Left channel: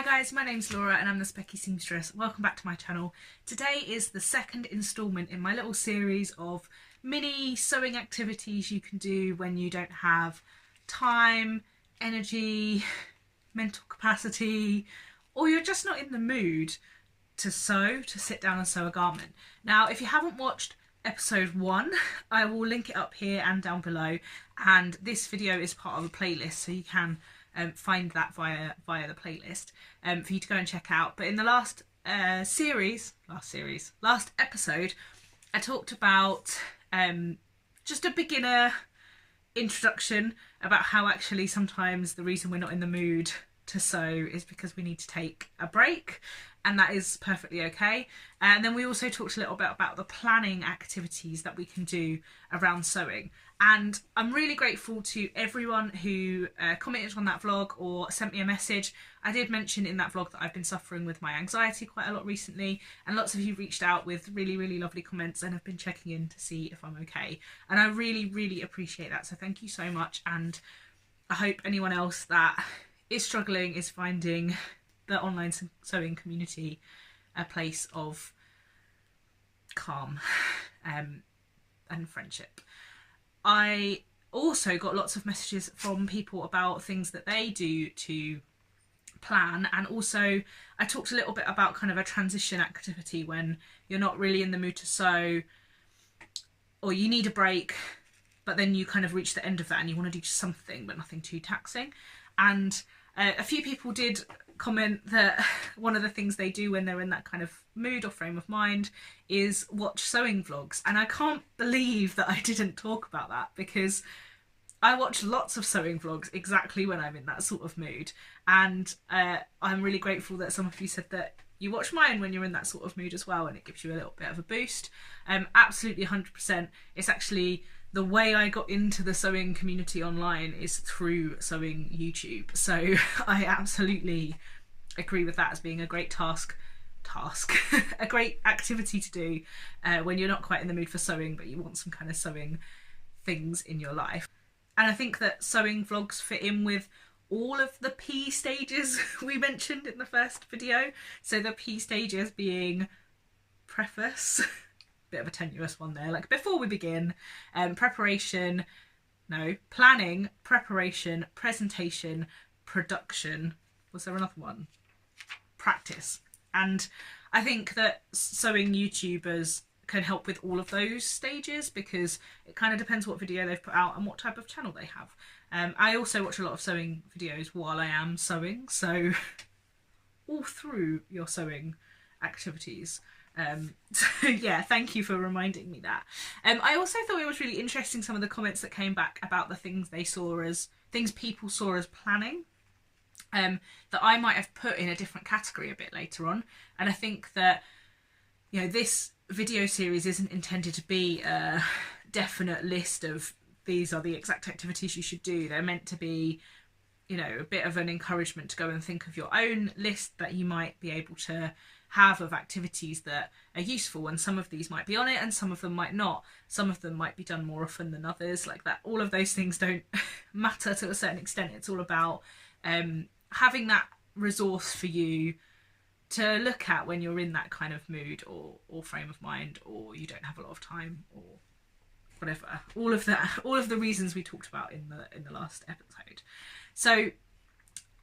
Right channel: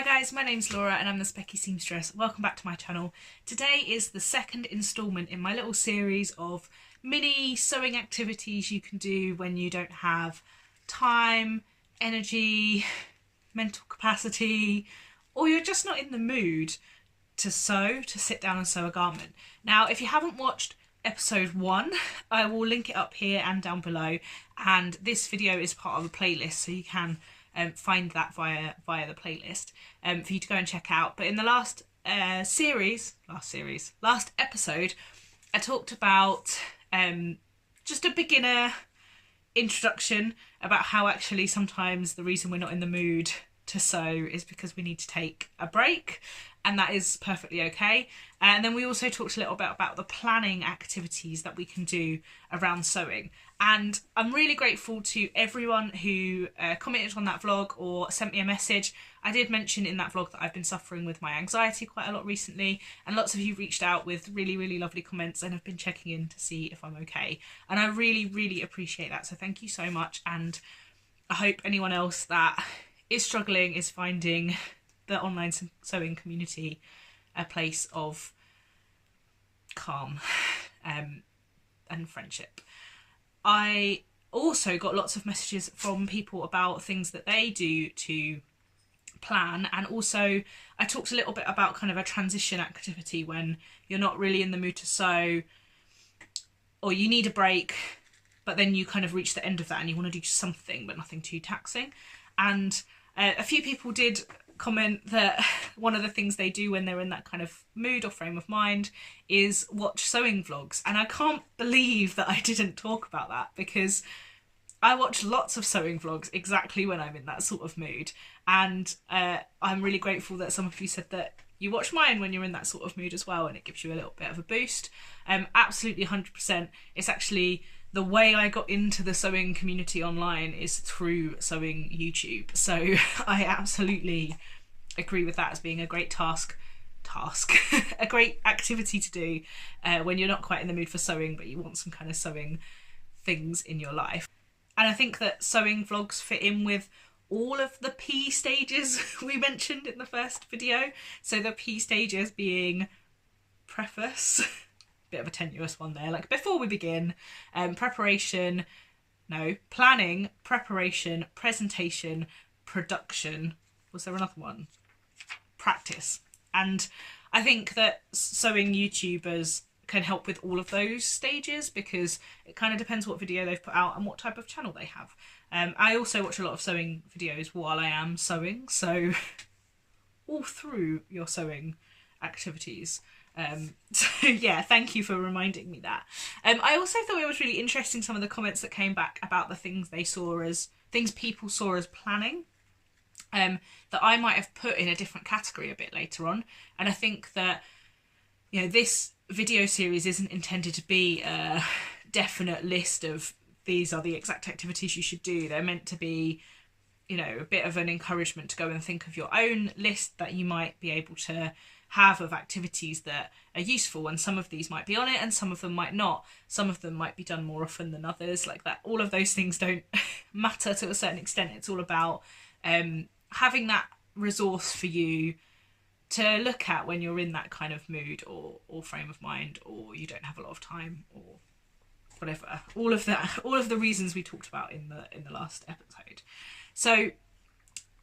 Hi guys, my name's Laura and I'm the Specky Seamstress. Welcome back to my channel. Today is the second instalment in my little series of mini sewing activities you can do when you don't have time, energy, mental capacity, or you're just not in the mood to sew, to sit down and sew a garment. Now, if you haven't watched episode 1, I will link it up here and down below, and this video is part of a playlist, so you can find that via the playlist for you to go and check out. But in the last episode, I talked about just a beginner introduction about how actually sometimes the reason we're not in the mood to sew is because we need to take a break, and that is perfectly okay. And then we also talked a little bit about the planning activities that we can do around sewing. And I'm really grateful to everyone who commented on that vlog or sent me a message. I did mention in that vlog that I've been suffering with my anxiety quite a lot recently, and lots of you reached out with really, really lovely comments and have been checking in to see if I'm okay. And I really, really appreciate that. So thank you so much. And I hope anyone else that is struggling is finding the online sewing community a place of calm and friendship. I also got lots of messages from people about things that they do to plan, and also I talked a little bit about kind of a transition activity when you're not really in the mood to sew, or you need a break, but then you kind of reach the end of that and you want to do something but nothing too taxing. And a few people did comment that one of the things they do when they're in that kind of mood or frame of mind is watch sewing vlogs, and I can't believe that I didn't talk about that, because I watch lots of sewing vlogs exactly when I'm in that sort of mood, and I'm really grateful that some of you said that you watch mine when you're in that sort of mood as well, and it gives you a little bit of a boost. Absolutely 100%. It's actually the way I got into the sewing community online is through sewing YouTube. So I absolutely agree with that as being a great a great activity to do when you're not quite in the mood for sewing, but you want some kind of sewing things in your life. And I think that sewing vlogs fit in with all of the P stages we mentioned in the first video. So the P stages being preface, bit of a tenuous one there, like before we begin, planning, preparation, presentation, production. Was there another one? Practice. And I think that sewing YouTubers can help with all of those stages, because it kind of depends what video they've put out and what type of channel they have. I also watch a lot of sewing videos while I am sewing, so all through your sewing activities. So yeah, thank you for reminding me that. I also thought it was really interesting some of the comments that came back about the things people saw as planning, that I might have put in a different category a bit later on. And I think that, you know, this video series isn't intended to be a definite list of these are the exact activities you should do. They're meant to be, you know, a bit of an encouragement to go and think of your own list that you might be able to have of activities that are useful, and some of these might be on it and some of them might not. Some of them might be done more often than others, like that. All of those things don't matter to a certain extent. It's all about having that resource for you to look at when you're in that kind of mood or frame of mind, or you don't have a lot of time or whatever. All of the reasons we talked about in the last episode. So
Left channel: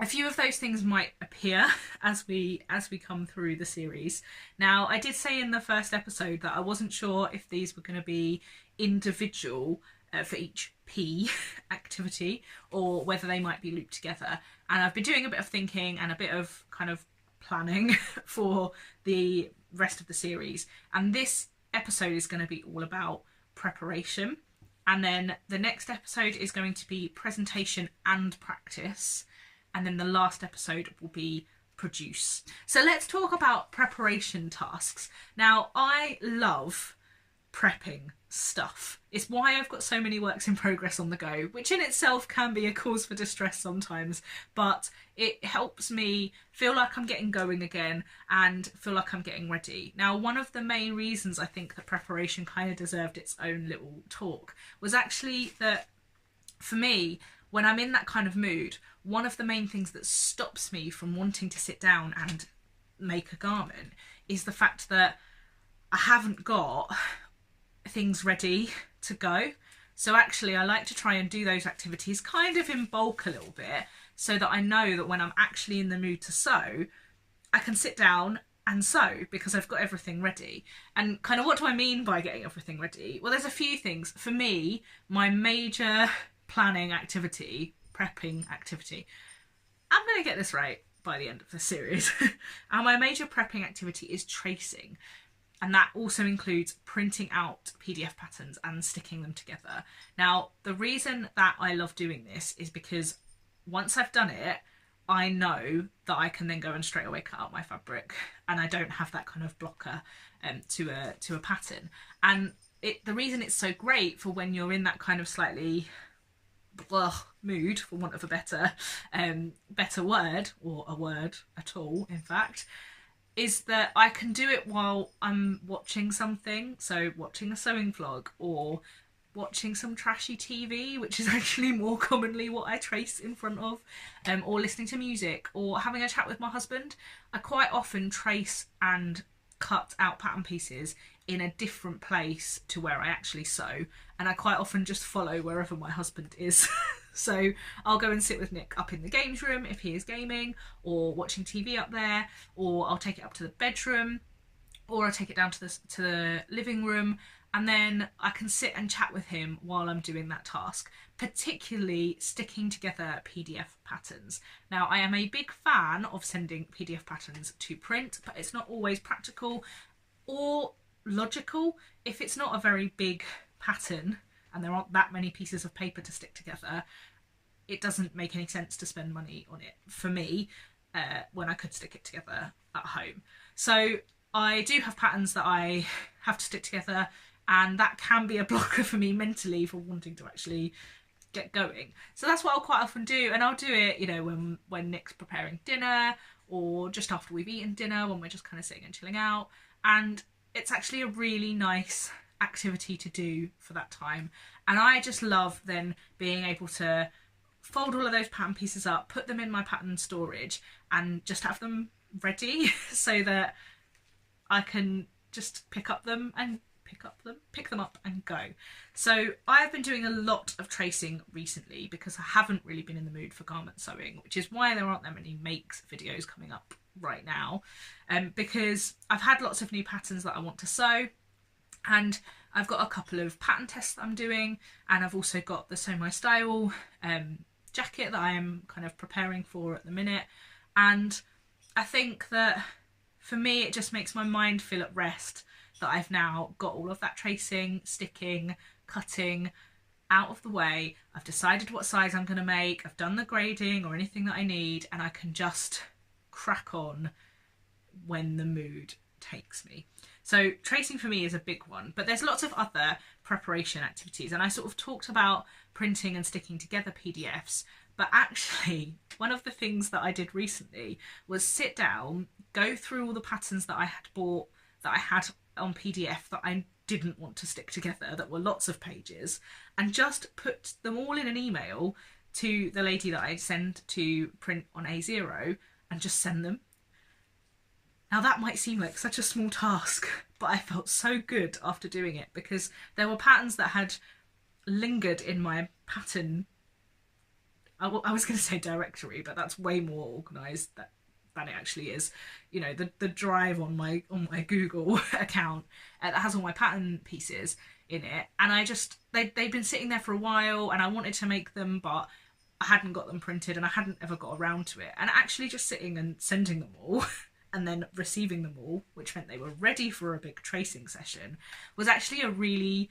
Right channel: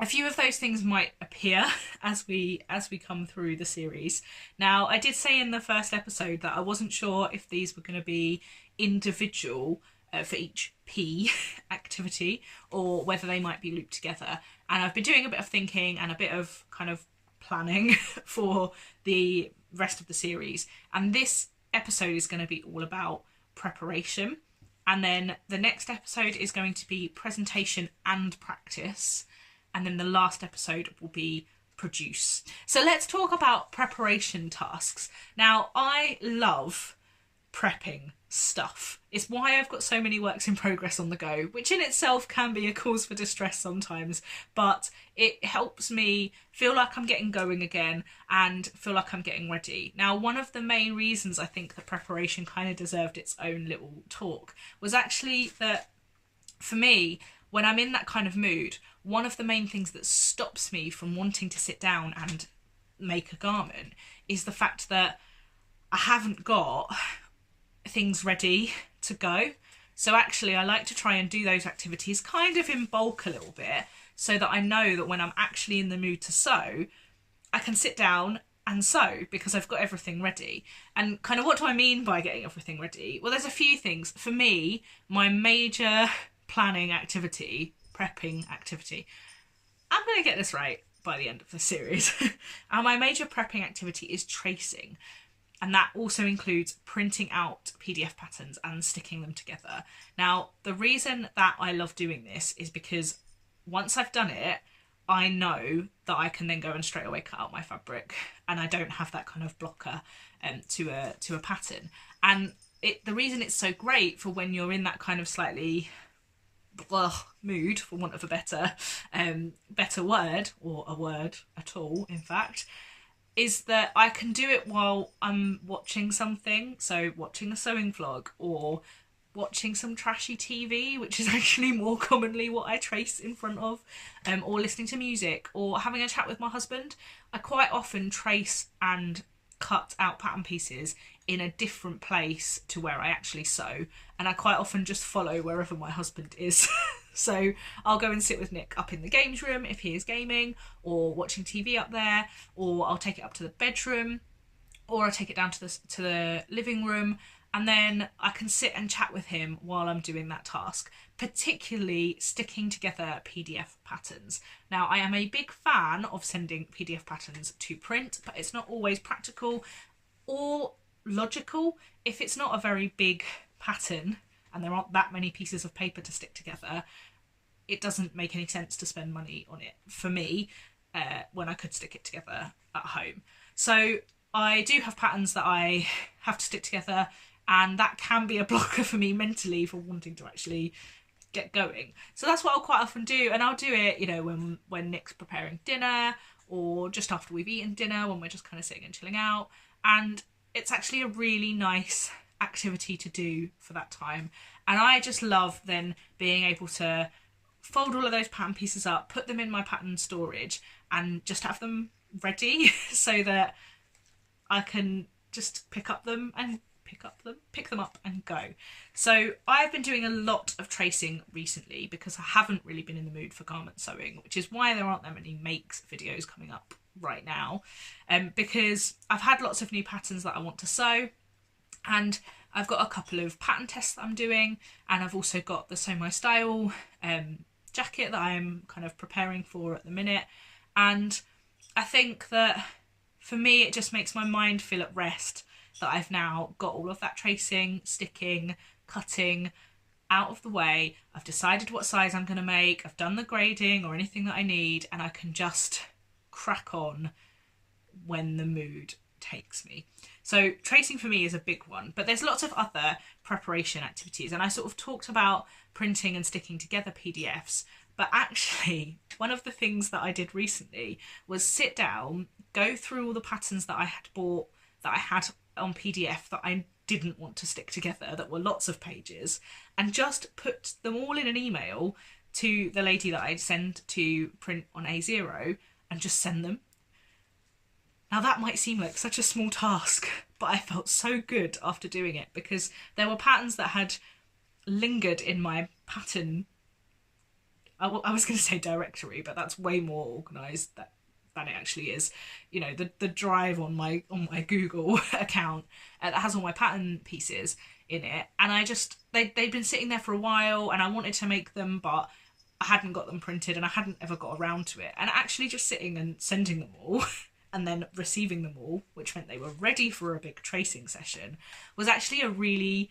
a few of those things might appear as we come through the series. Now, I did say in the first episode that I wasn't sure if these were going to be individual for each P activity, or whether they might be looped together. And I've been doing a bit of thinking and a bit of kind of planning for the rest of the series. And this episode is going to be all about preparation. And then the next episode is going to be presentation and practice. And then the last episode will be produce. So let's talk about preparation tasks. Now, I love prepping stuff. It's why I've got so many works in progress on the go, which in itself can be a cause for distress sometimes, but it helps me feel like I'm getting going again and feel like I'm getting ready. Now, one of the main reasons I think that preparation kind of deserved its own little talk was actually that, for me, when I'm in that kind of mood, one of the main things that stops me from wanting to sit down and make a garment is the fact that I haven't got things ready to go. So actually I like to try and do those activities kind of in bulk a little bit, so that I know that when I'm actually in the mood to sew, I can sit down and sew because I've got everything ready. And kind of what do I mean by getting everything ready? Well, there's a few things. For me, my major planning activity, prepping activity, I'm going to get this right by the end of the series. And my major prepping activity is tracing. And that also includes printing out PDF patterns and sticking them together. Now, the reason that I love doing this is because once I've done it, I know that I can then go and straight away cut out my fabric, and I don't have that kind of blocker to a pattern. And the reason it's so great for when you're in that kind of slightly mood, for want of a better word, or a word at all, in fact, is that I can do it while I'm watching something. So watching a sewing vlog, or watching some trashy TV, which is actually more commonly what I trace in front of, or listening to music, or having a chat with my husband. I quite often trace and cut out pattern pieces in a different place to where I actually sew, and I quite often just follow wherever my husband is. So I'll go and sit with Nick up in the games room if he is gaming, or watching TV up there, or I'll take it up to the bedroom, or I'll take it down to the living room, and then I can sit and chat with him while I'm doing that task, particularly sticking together PDF patterns. Now, I am a big fan of sending PDF patterns to print, but it's not always practical or logical. If it's not a very big pattern and there aren't that many pieces of paper to stick together, it doesn't make any sense to spend money on it for me when I could stick it together at home. So I do have patterns that I have to stick together, and that can be a blocker for me mentally for wanting to actually get going. So that's what I'll quite often do, and I'll do it, you know, when Nick's preparing dinner, or just after we've eaten dinner, when we're just kind of sitting and chilling out. And it's actually a really nice activity to do for that time. And I just love then being able to fold all of those pattern pieces up, put them in my pattern storage, and just have them ready so that I can just pick them up and go. So I've been doing a lot of tracing recently because I haven't really been in the mood for garment sewing, which is why there aren't that many makes videos coming up right now, because I've had lots of new patterns that I want to sew, and I've got a couple of pattern tests that I'm doing, and I've also got the Sew My Style jacket that I am kind of preparing for at the minute. And I think that for me it just makes my mind feel at rest that I've now got all of that tracing, sticking, cutting out of the way. I've decided what size I'm going to make, I've done the grading or anything that I need, and I can just crack on when the mood takes me. So tracing for me is a big one, but there's lots of other preparation activities, and I sort of talked about printing and sticking together PDFs, but actually one of the things that I did recently was sit down, go through all the patterns that I had bought, that I had on PDF that I didn't want to stick together, that were lots of pages, and just put them all in an email to the lady that I'd send to print on A0, and just send them. Now that might seem like such a small task, but I felt so good after doing it, because there were patterns that had lingered in my pattern, I was going to say directory, but that's way more organised than it actually is. You know, the drive on my Google account that has all my pattern pieces in it, and they'd been sitting there for a while, and I wanted to make them, but I hadn't got them printed, and I hadn't ever got around to it. And actually just sitting and sending them all and then receiving them all, which meant they were ready for a big tracing session, was actually a really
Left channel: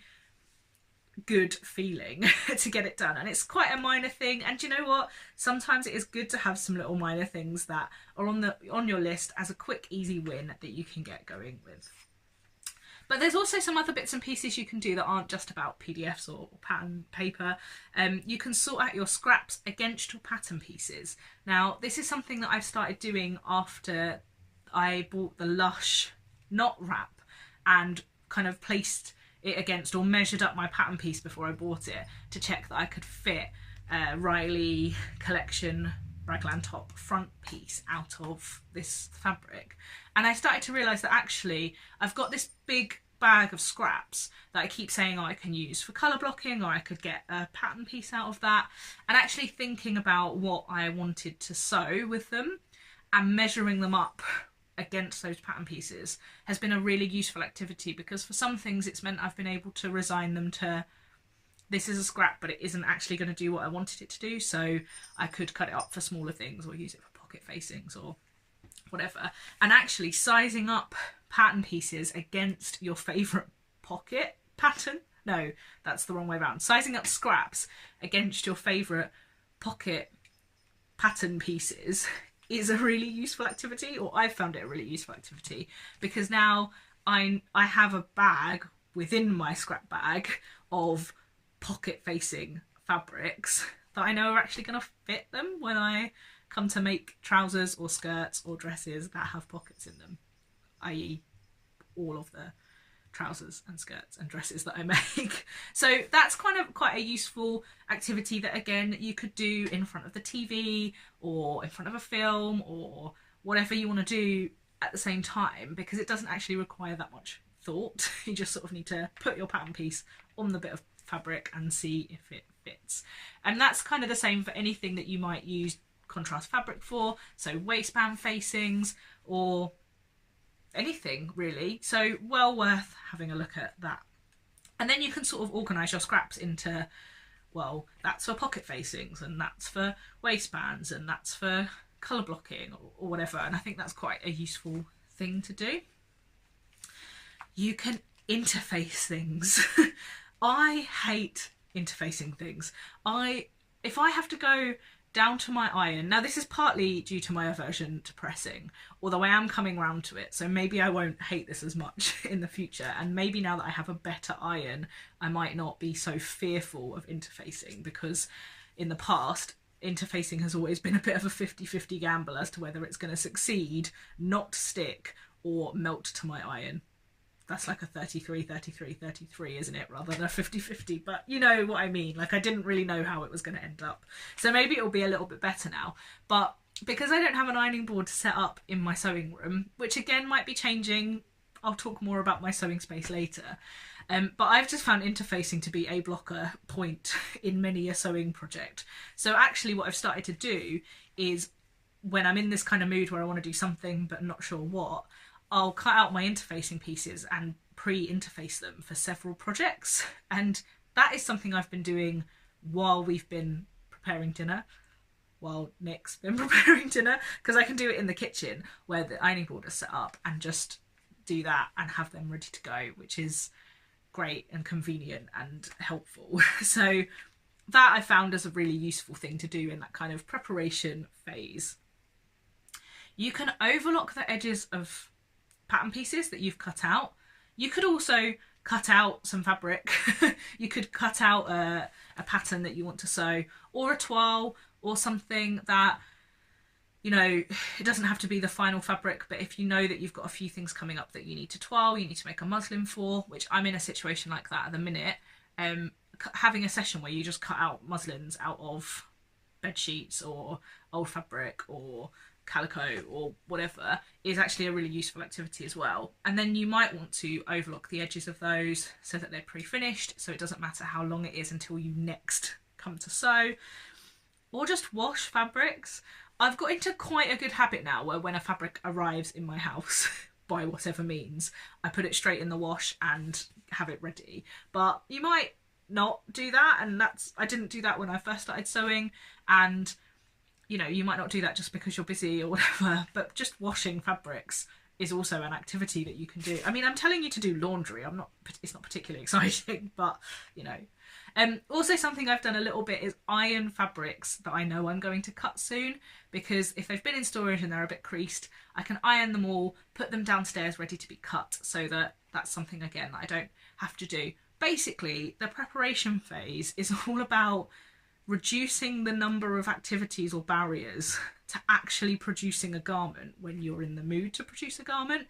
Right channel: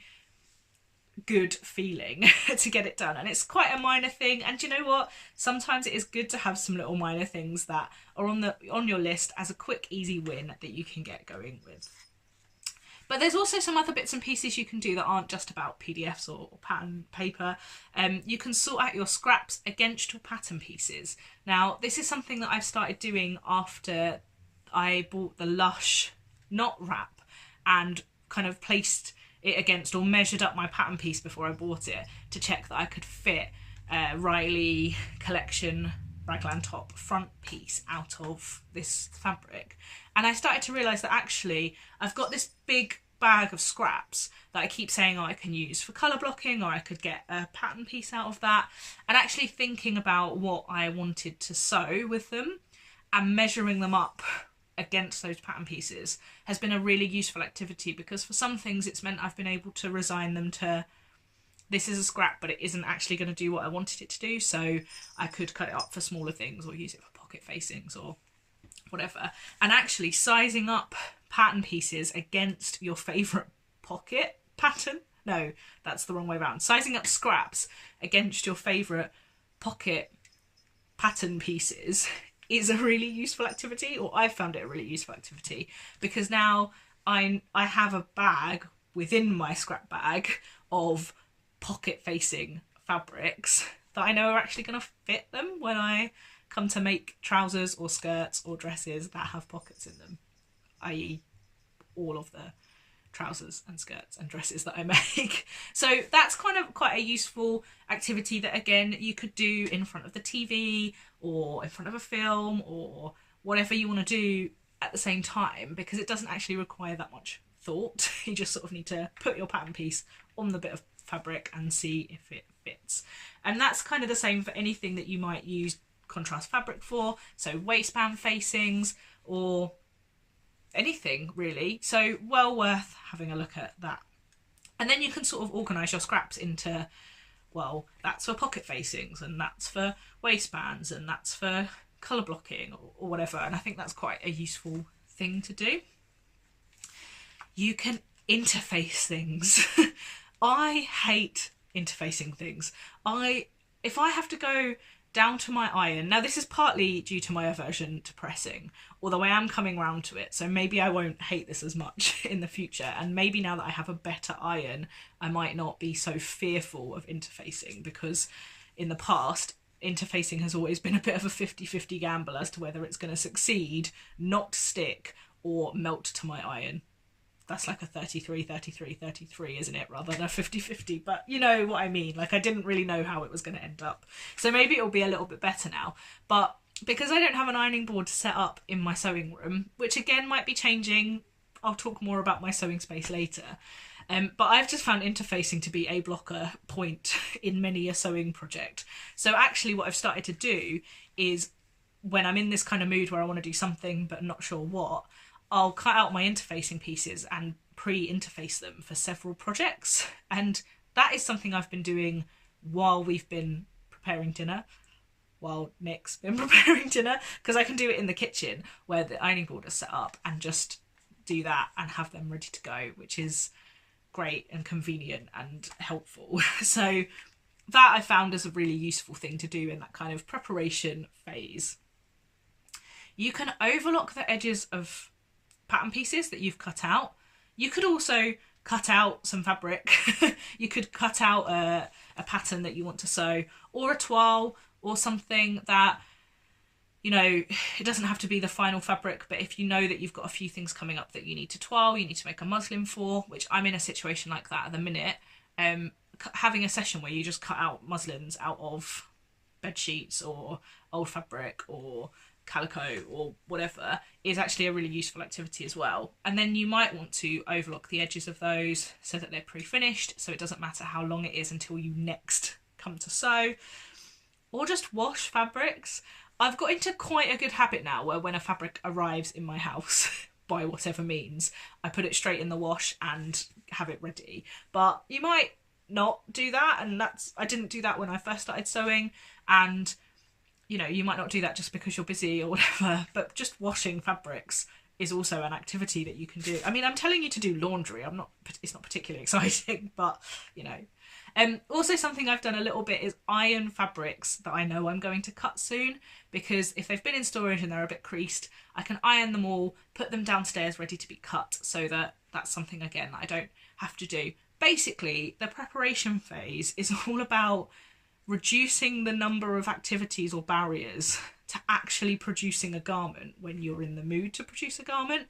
good feeling to get it done. And it's quite a minor thing, and you know what, sometimes it is good to have some little minor things that are on your list as a quick easy win that you can get going with. But there's also some other bits and pieces you can do that aren't just about PDFs or pattern paper. You can sort out your scraps against your pattern pieces. Now this is something that I've started doing after I bought the Lush knot wrap and kind of placed it against, or measured up my pattern piece before I bought it to check that I could fit Riley collection raglan top front piece out of this fabric, and I started to realise that actually I've got this big bag of scraps that I keep saying, oh, I can use for colour blocking, or I could get a pattern piece out of that, and actually thinking about what I wanted to sew with them and measuring them up against those pattern pieces has been a really useful activity, because for some things it's meant I've been able to resign them to, this is a scrap but it isn't actually going to do what I wanted it to do, so I could cut it up for smaller things or use it for pocket facings or whatever. And actually sizing up pattern pieces against your favourite pocket pattern, no, that's the wrong way around, sizing up scraps against your favourite pocket pattern pieces is a really useful activity, or I've found it a really useful activity, because now I have a bag within my scrap bag of pocket facing fabrics that I know are actually going to fit them when I come to make trousers or skirts or dresses that have pockets in them, i.e. all of the trousers and skirts and dresses that I make. So that's kind of quite a useful activity that, again, you could do in front of the TV or in front of a film or whatever you want to do at the same time, because it doesn't actually require that much thought. You just sort of need to put your pattern piece on the bit of fabric and see if it fits. And that's kind of the same for anything that you might use contrast fabric for, so waistband facings or anything really. So well worth having a look at that. And then you can sort of organise your scraps into, well, that's for pocket facings and that's for waistbands and that's for colour blocking or whatever, and I think that's quite a useful thing to do. You can interface things. I hate interfacing things. If I have to go down to my iron, now this is partly due to my aversion to pressing, although I am coming round to it, so maybe I won't hate this as much in the future, and maybe now that I have a better iron I might not be so fearful of interfacing, because in the past interfacing has always been a bit of a 50-50 gamble as to whether it's going to succeed, not stick, or melt to my iron. That's like a 33-33-33, isn't it, rather than a 50-50, but you know what I mean. Like, I didn't really know how it was going to end up, so maybe it'll be a little bit better now. But because I don't have an ironing board set up in my sewing room, which again might be changing, I'll talk more about my sewing space later, but I've just found interfacing to be a blocker point in many a sewing project. So actually what I've started to do is, when I'm in this kind of mood where I want to do something but not sure what, I'll cut out my interfacing pieces and pre-interface them for several projects. And that is something I've been doing while we've been preparing dinner, while Nick's been preparing dinner, because I can do it in the kitchen where the ironing board is set up and just do that and have them ready to go, which is great and convenient and helpful. So that I found as a really useful thing to do in that kind of preparation phase. You can overlock the edges of pattern pieces that you've cut out. You could also cut out some fabric. You could cut out a pattern that you want to sew, or a toile, or something that, you know, it doesn't have to be the final fabric, but if you know that you've got a few things coming up that you need to toile, you need to make a muslin for, which I'm in a situation like that at the minute, having a session where you just cut out muslins out of bed sheets or old fabric or calico or whatever is actually a really useful activity as well. And then you might want to overlock the edges of those so that they're pre-finished, so it doesn't matter how long it is until you next come to sew. Or just wash fabrics. I've got into quite a good habit now where when a fabric arrives in my house by whatever means, I put it straight in the wash and have it ready. But you might not do that, and I didn't do that when I first started sewing, and you know, you might not do that just because you're busy or whatever, but just washing fabrics is also an activity that you can do. I mean, I'm telling you to do laundry. It's not particularly exciting, but you know. Also something I've done a little bit is iron fabrics that I know I'm going to cut soon, because if they've been in storage and they're a bit creased, I can iron them all, put them downstairs ready to be cut, so that's something, again, that I don't have to do. Basically, the preparation phase is all about reducing the number of activities or barriers to actually producing a garment when you're in the mood to produce a garment,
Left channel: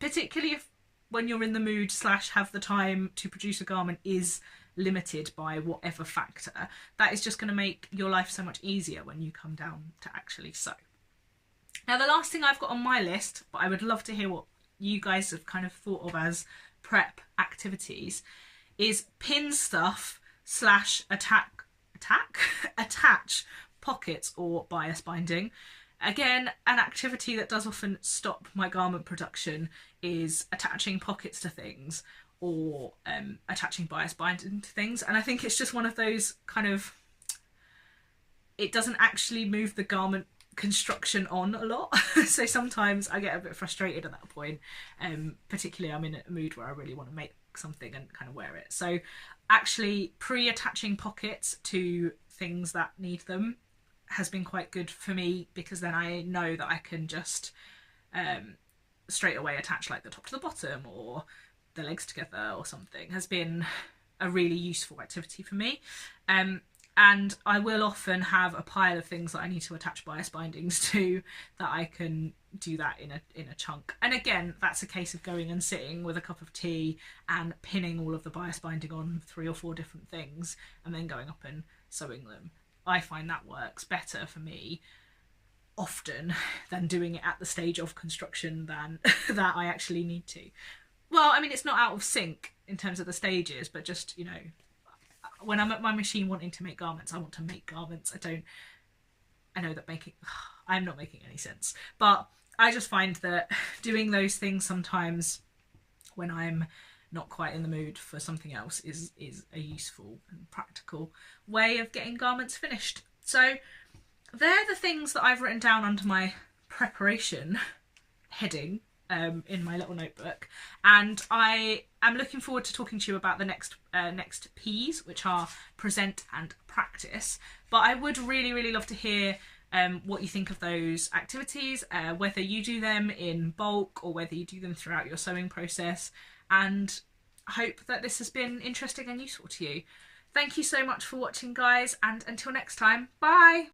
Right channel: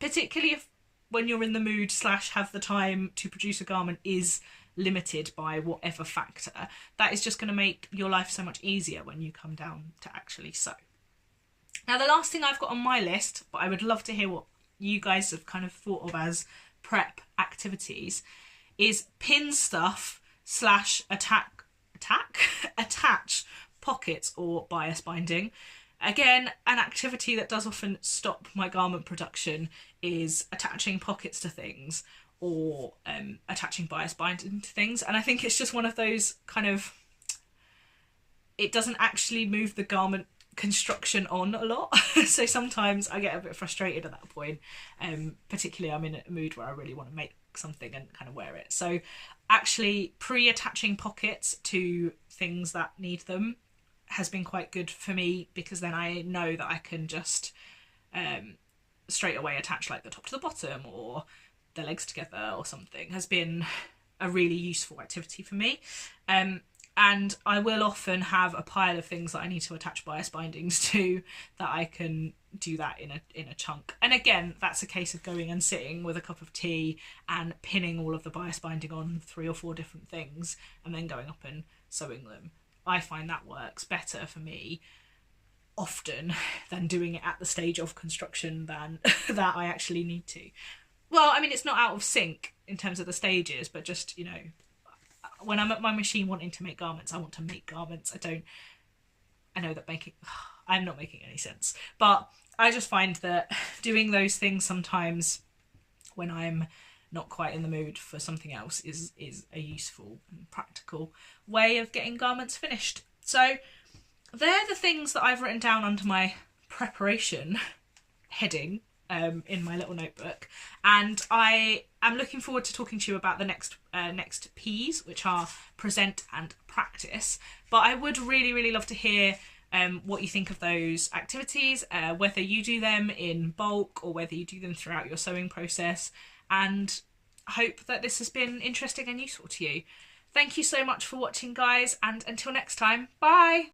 particularly if when you're in the mood / have the time to produce a garment is limited by whatever factor, that is just going to make your life so much easier when you come down to actually sew. Now, the last thing I've got on my list, but I would love to hear what you guys have kind of thought of as prep activities, is pin stuff / attach pockets or bias binding. Again, an activity that does often stop my garment production is attaching pockets to things or attaching bias binding to things. And I think it's just one of those kind of, it doesn't actually move the garment construction on a lot. So sometimes I get a bit frustrated at that point. Particularly I'm in a mood where I really want to make something and kind of wear it. So actually pre-attaching pockets to things that need them has been quite good for me, because then I know that I can just straight away attach like the top to the bottom or the legs together or something. Has been a really useful activity for me. And I will often have a pile of things that I need to attach bias bindings to, that I can do that in a chunk. And again, that's a case of going and sitting with a cup of tea and pinning all of the bias binding on 3 or 4 different things and then going up and sewing them. I find that works better for me often than doing it at the stage of construction than that I actually need to. Well, I mean, it's not out of sync in terms of the stages, but just, you know, when I'm at my machine wanting to make garments, I want to make garments. I know that I'm not making any sense, but I just find that doing those things sometimes when I'm not quite in the mood for something else is a useful and practical way of getting garments finished. So they're the things that I've written down under my preparation heading in my little notebook, and I am looking forward to talking to you about the next P's, which are present and practice. But I would really love to hear what you think of those activities, whether you do them in bulk or whether you do them throughout your sewing process, and I hope that this has been interesting and useful to you. Thank you so much for watching, guys, and until next time, bye!